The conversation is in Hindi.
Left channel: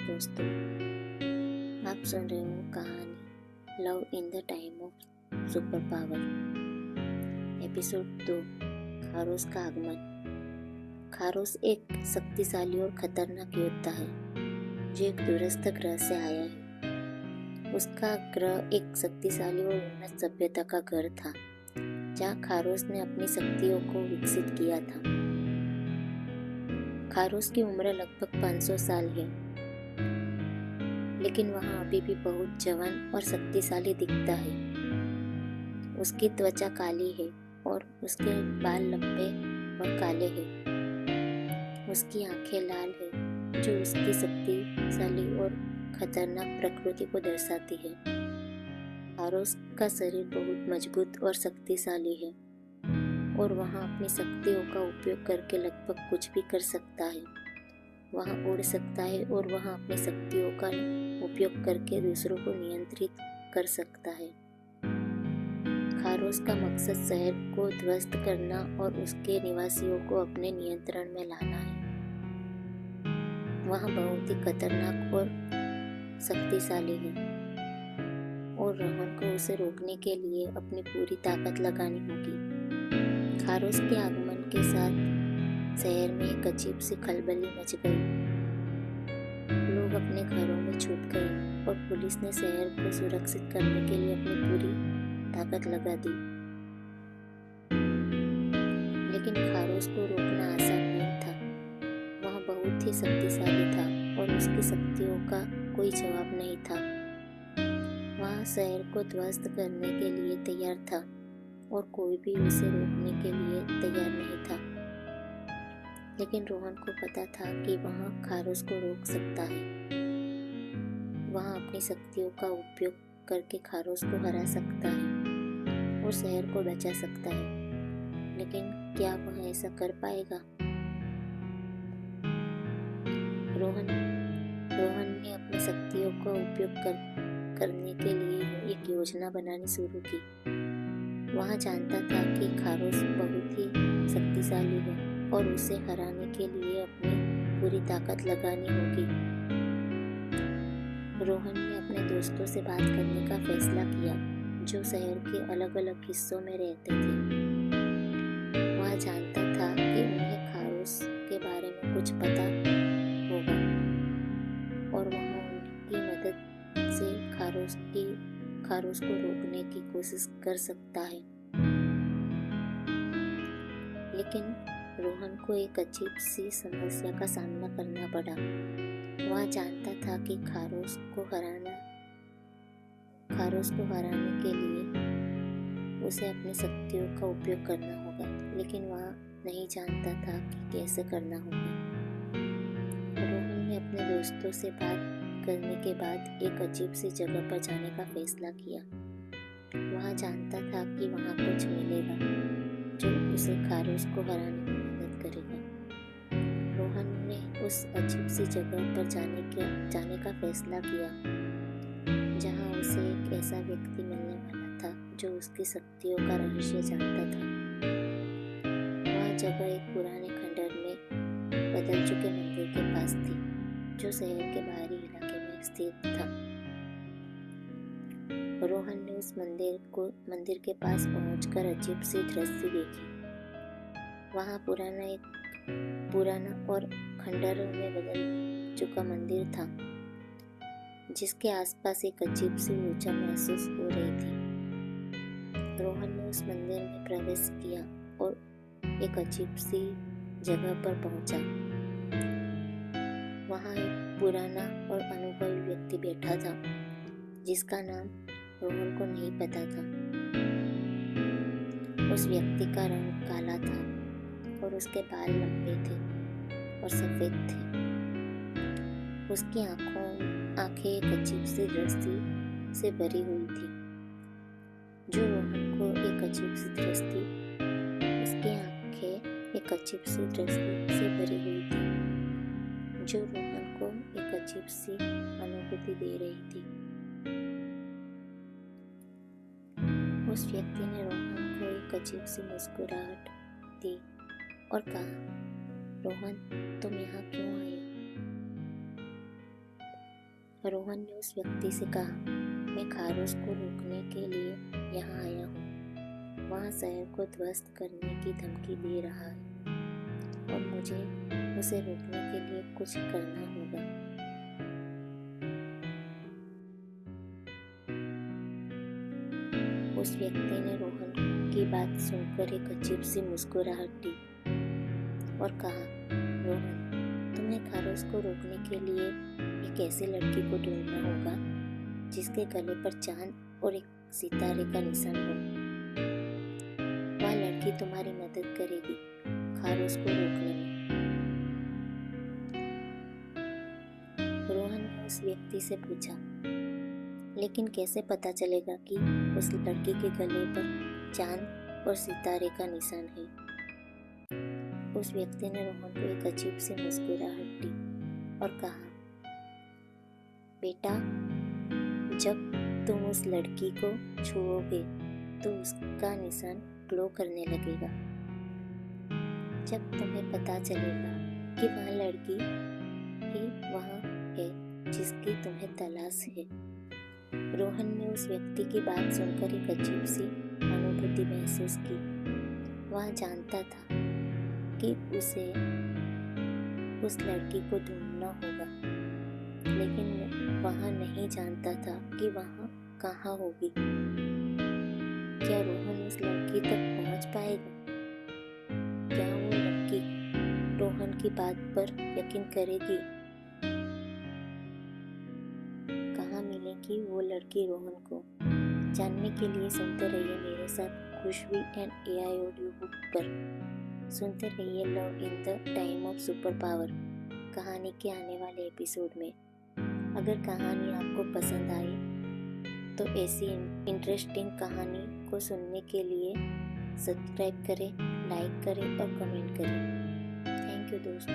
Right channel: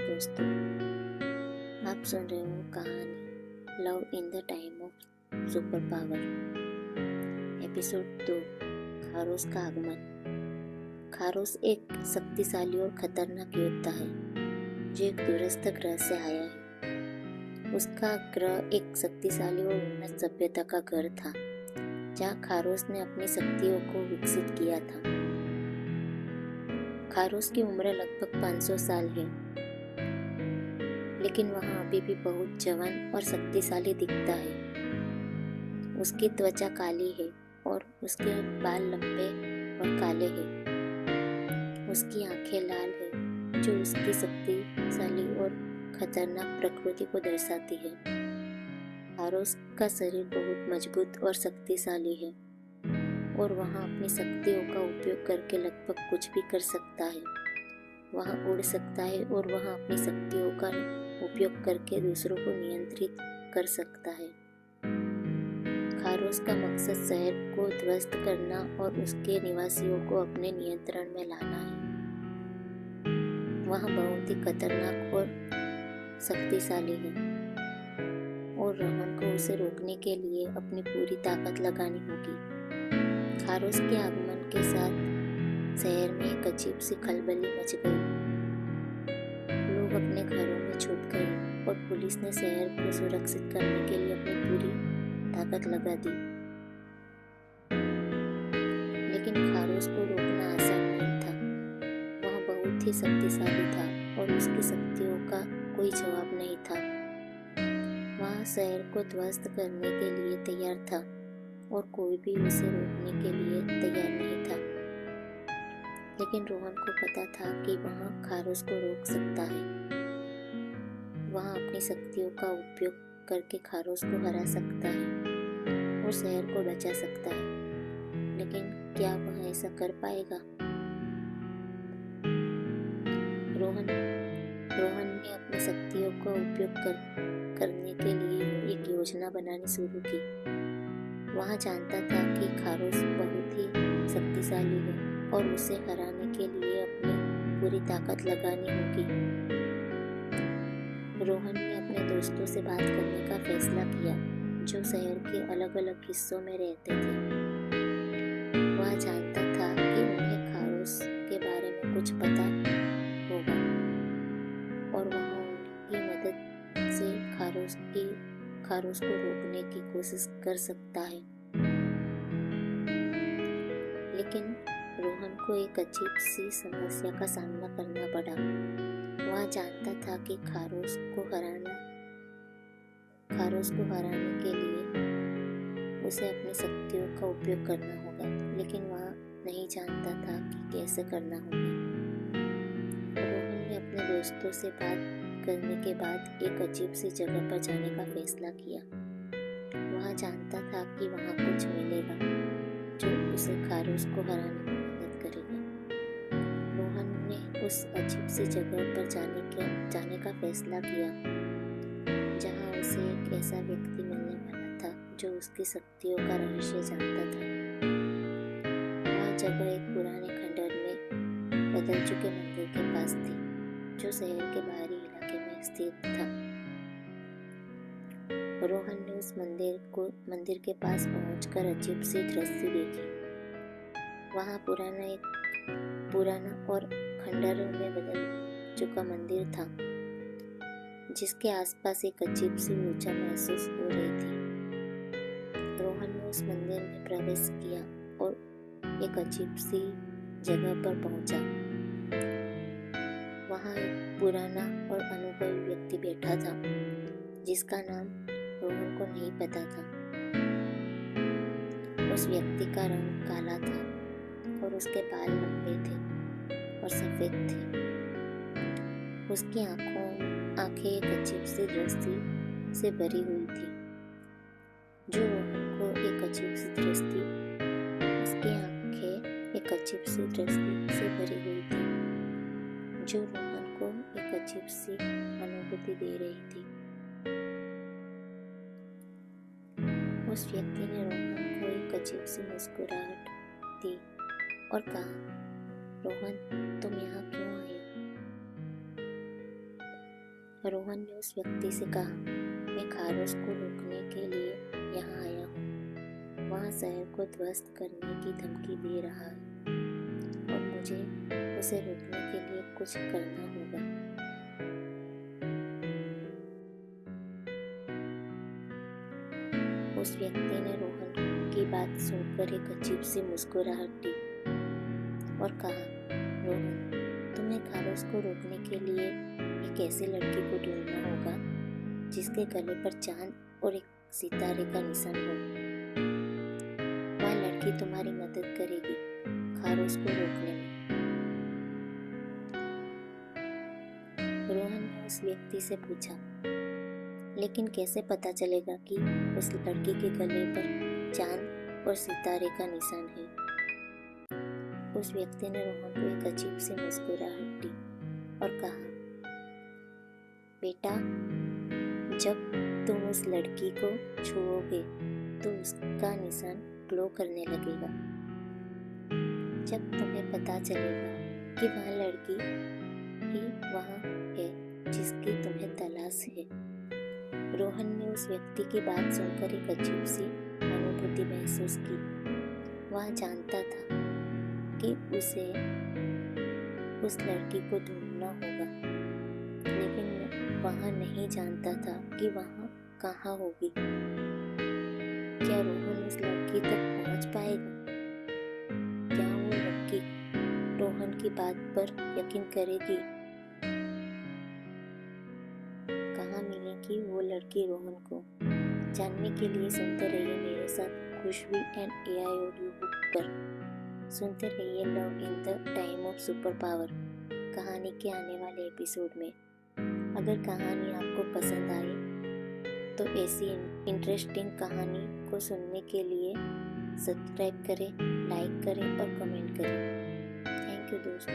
नमस्कार दोस्तों, आप सुन रहे हो कहानी love in the time of super power. Episode 2, खारोस का आगमन। खारोस एक शक्तिशाली और खतरनाक योद्धा है जो एक दूरस्थ ग्रह से आया है। उसका ग्रह एक शक्तिशाली और उन्नत सभ्यता का घर था जहाँ खारोस ने अपनी शक्तियों को विकसित किया था। खारोस की उम्र लगभग 500 साल है, लेकिन वह अभी भी बहुत जवान और शक्तिशाली दिखता है। उसकी त्वचा काली है और उसके बाल लंबे और काले हैं। उसकी आंखें लाल है जो उसकी शक्तिशाली और खतरनाक प्रकृति को दर्शाती है। खारोस का शरीर बहुत मजबूत और शक्तिशाली है और वह अपनी शक्तियों का उपयोग करके लगभग कुछ भी कर सकता है। वह उड़ सकता है और वह अपनी शक्तियों का उपयोग करके दूसरों को नियंत्रित कर सकता है। खारोस का मकसद शहर को ध्वस्त करना और उसके निवासियों को अपने नियंत्रण में लाना है। वह बहुत ही खतरनाक और शक्तिशाली है और रोहन को उसे रोकने के लिए अपनी पूरी ताकत लगानी होगी। खारोस के आगमन के साथ शहर में एक अजीब सी खलबली मच गई। लोग अपने घरों में छुप गए और पुलिस ने शहर को सुरक्षित करने के लिए अपनी पूरी ताकत लगा दी। लेकिन खारोस को रोकना आसान नहीं था। वह बहुत ही शक्तिशाली था और उसकी शक्तियों का कोई जवाब नहीं था। वह शहर को ध्वस्त करने के लिए तैयार था और कोई भी उसे रोकने के लिए तैयार नहीं था। लेकिन रोहन को पता था कि वह खारोस को रोक सकता है। वह अपनी शक्तियों का उपयोग करके खारोस को हरा सकता है और शहर को बचा सकता है। लेकिन क्या वह ऐसा कर पाएगा? रोहन ने अपनी शक्तियों का उपयोग करने के लिए एक योजना बनानी शुरू की। वह जानता था कि खारोस बहुत ही शक्तिशाली है और उसे हराने के लिए अपनी पूरी ताकत लगानी होगी। रोहन ने अपने दोस्तों से बात करने का फैसला किया जो शहर के अलग अलग हिस्सों में रहते थे। वह जानता था कि उन्हें खारोस के बारे में कुछ पता होगा और वह उनकी मदद से खारोस को रोकने की कोशिश कर सकता है। लेकिन रोहन को एक अजीब सी समस्या का सामना करना पड़ा। वह जानता था कि खारोस को हराने के लिए उसे अपनी शक्तियों का उपयोग करना होगा, लेकिन वह नहीं जानता था कि कैसे करना होगा। रोहन ने अपने दोस्तों से बात करने के बाद एक अजीब सी जगह पर जाने का फैसला किया। वह जानता था कि वहाँ कुछ मिलेगा जो उसे खारोस को हराने में मदद करेगा। रोहन ने उस अजीब सी जगह पर जाने का फैसला किया जहाँ उसे एक ऐसा व्यक्ति मिलने वाला था जो उसकी शक्तियों का रहस्य जानता था। वह जगह एक पुराने खंडहर में बदल चुके मंदिर के पास थी जो शहर के बाहरी इलाके में स्थित था। रोहन ने उस मंदिर के पास पहुंचकर अजीब सी दृश्य देखी। वहाँ पुराना और खंडहरों में बदल चुका मंदिर था जिसके आसपास एक अजीब सी ऊर्जा महसूस हो रही थी। रोहन ने उस मंदिर में प्रवेश किया और एक अजीब सी जगह पर पहुंचा। वहाँ एक पुराना और अनुभवी व्यक्ति बैठा था जिसका नाम रोहन को नहीं पता था। उस व्यक्ति का रंग काला था और उसके बाल लंबे थे और सफेद थे। उसकी आंखें एक अजीब सी दृष्टि से भरी हुई थी जो रोहन को एक अजीब सी दृष्टि उसकी आंखें एक अजीब सी दृष्टि से भरी हुई थी जो रोहन को एक अजीब सी अनुभूति दे रही थी। उस व्यक्ति ने रोहन को एक अजीब सी मुस्कुराहट दी और कहा, रोहन, तुम यहाँ क्यों आए? रोहन ने उस व्यक्ति से कहा, मैं खारोश को रोकने के लिए यहाँ आया हूँ। वहाँ शहर को ध्वस्त करने की धमकी दे रहा है और मुझे उसे रोकने के लिए कुछ करना होगा। उस व्यक्ति ने रोहन की बात सुनकर एक अजीब सी मुस्कुराहट दी और कहा, रोहन, तुम्हें खारोश को रोकने के लिए एक ऐसी लड़की को ढूंढना होगा जिसके गले पर चांद और एक सितारे का निशान हो। वह लड़की तुम्हारी मदद करेगी खारोश को रोकने में। रोहन ने उस व्यक्ति से पूछा, लेकिन कैसे पता चलेगा कि उस लड़की के गले पर चांद और सितारे का निशान है? उस व्यक्ति ने रोहन को एक अजीब सी मुस्कुराहट दी और कहा, बेटा, जब तुम उस लड़की को छुओगे तो उसका निशान ग्लो करने लगेगा। जब तुम्हें पता चलेगा कि वह लड़की ही वहाँ है जिसकी तुम्हें तलाश है। रोहन ने उस व्यक्ति की बात सुनकर एक अजीब सी अनुभूति महसूस की। वह जानता था कि उसे उस लड़की को ढूंढना होगा, लेकिन वह नहीं जानता था कि वह कहाँ होगी। क्या रोहन उस लड़की तक पहुँच पाएगा? क्या वो लड़की रोहन की बात पर यकीन करेगी? कहाँ मिलेगी वो लड़की रोहन को? जानने के लिए सुनते रहिए मेरे साथ खुशबू एंड AI ऑडियो बुक पर। सुनते रहिए love in the time of super power कहानी के आने वाले एपिसोड में। अगर कहानी आपको पसंद आए तो ऐसी इंटरेस्टिंग कहानी को सुनने के लिए सब्सक्राइब करें, लाइक करें और कमेंट करें। थैंक यू दोस्तों।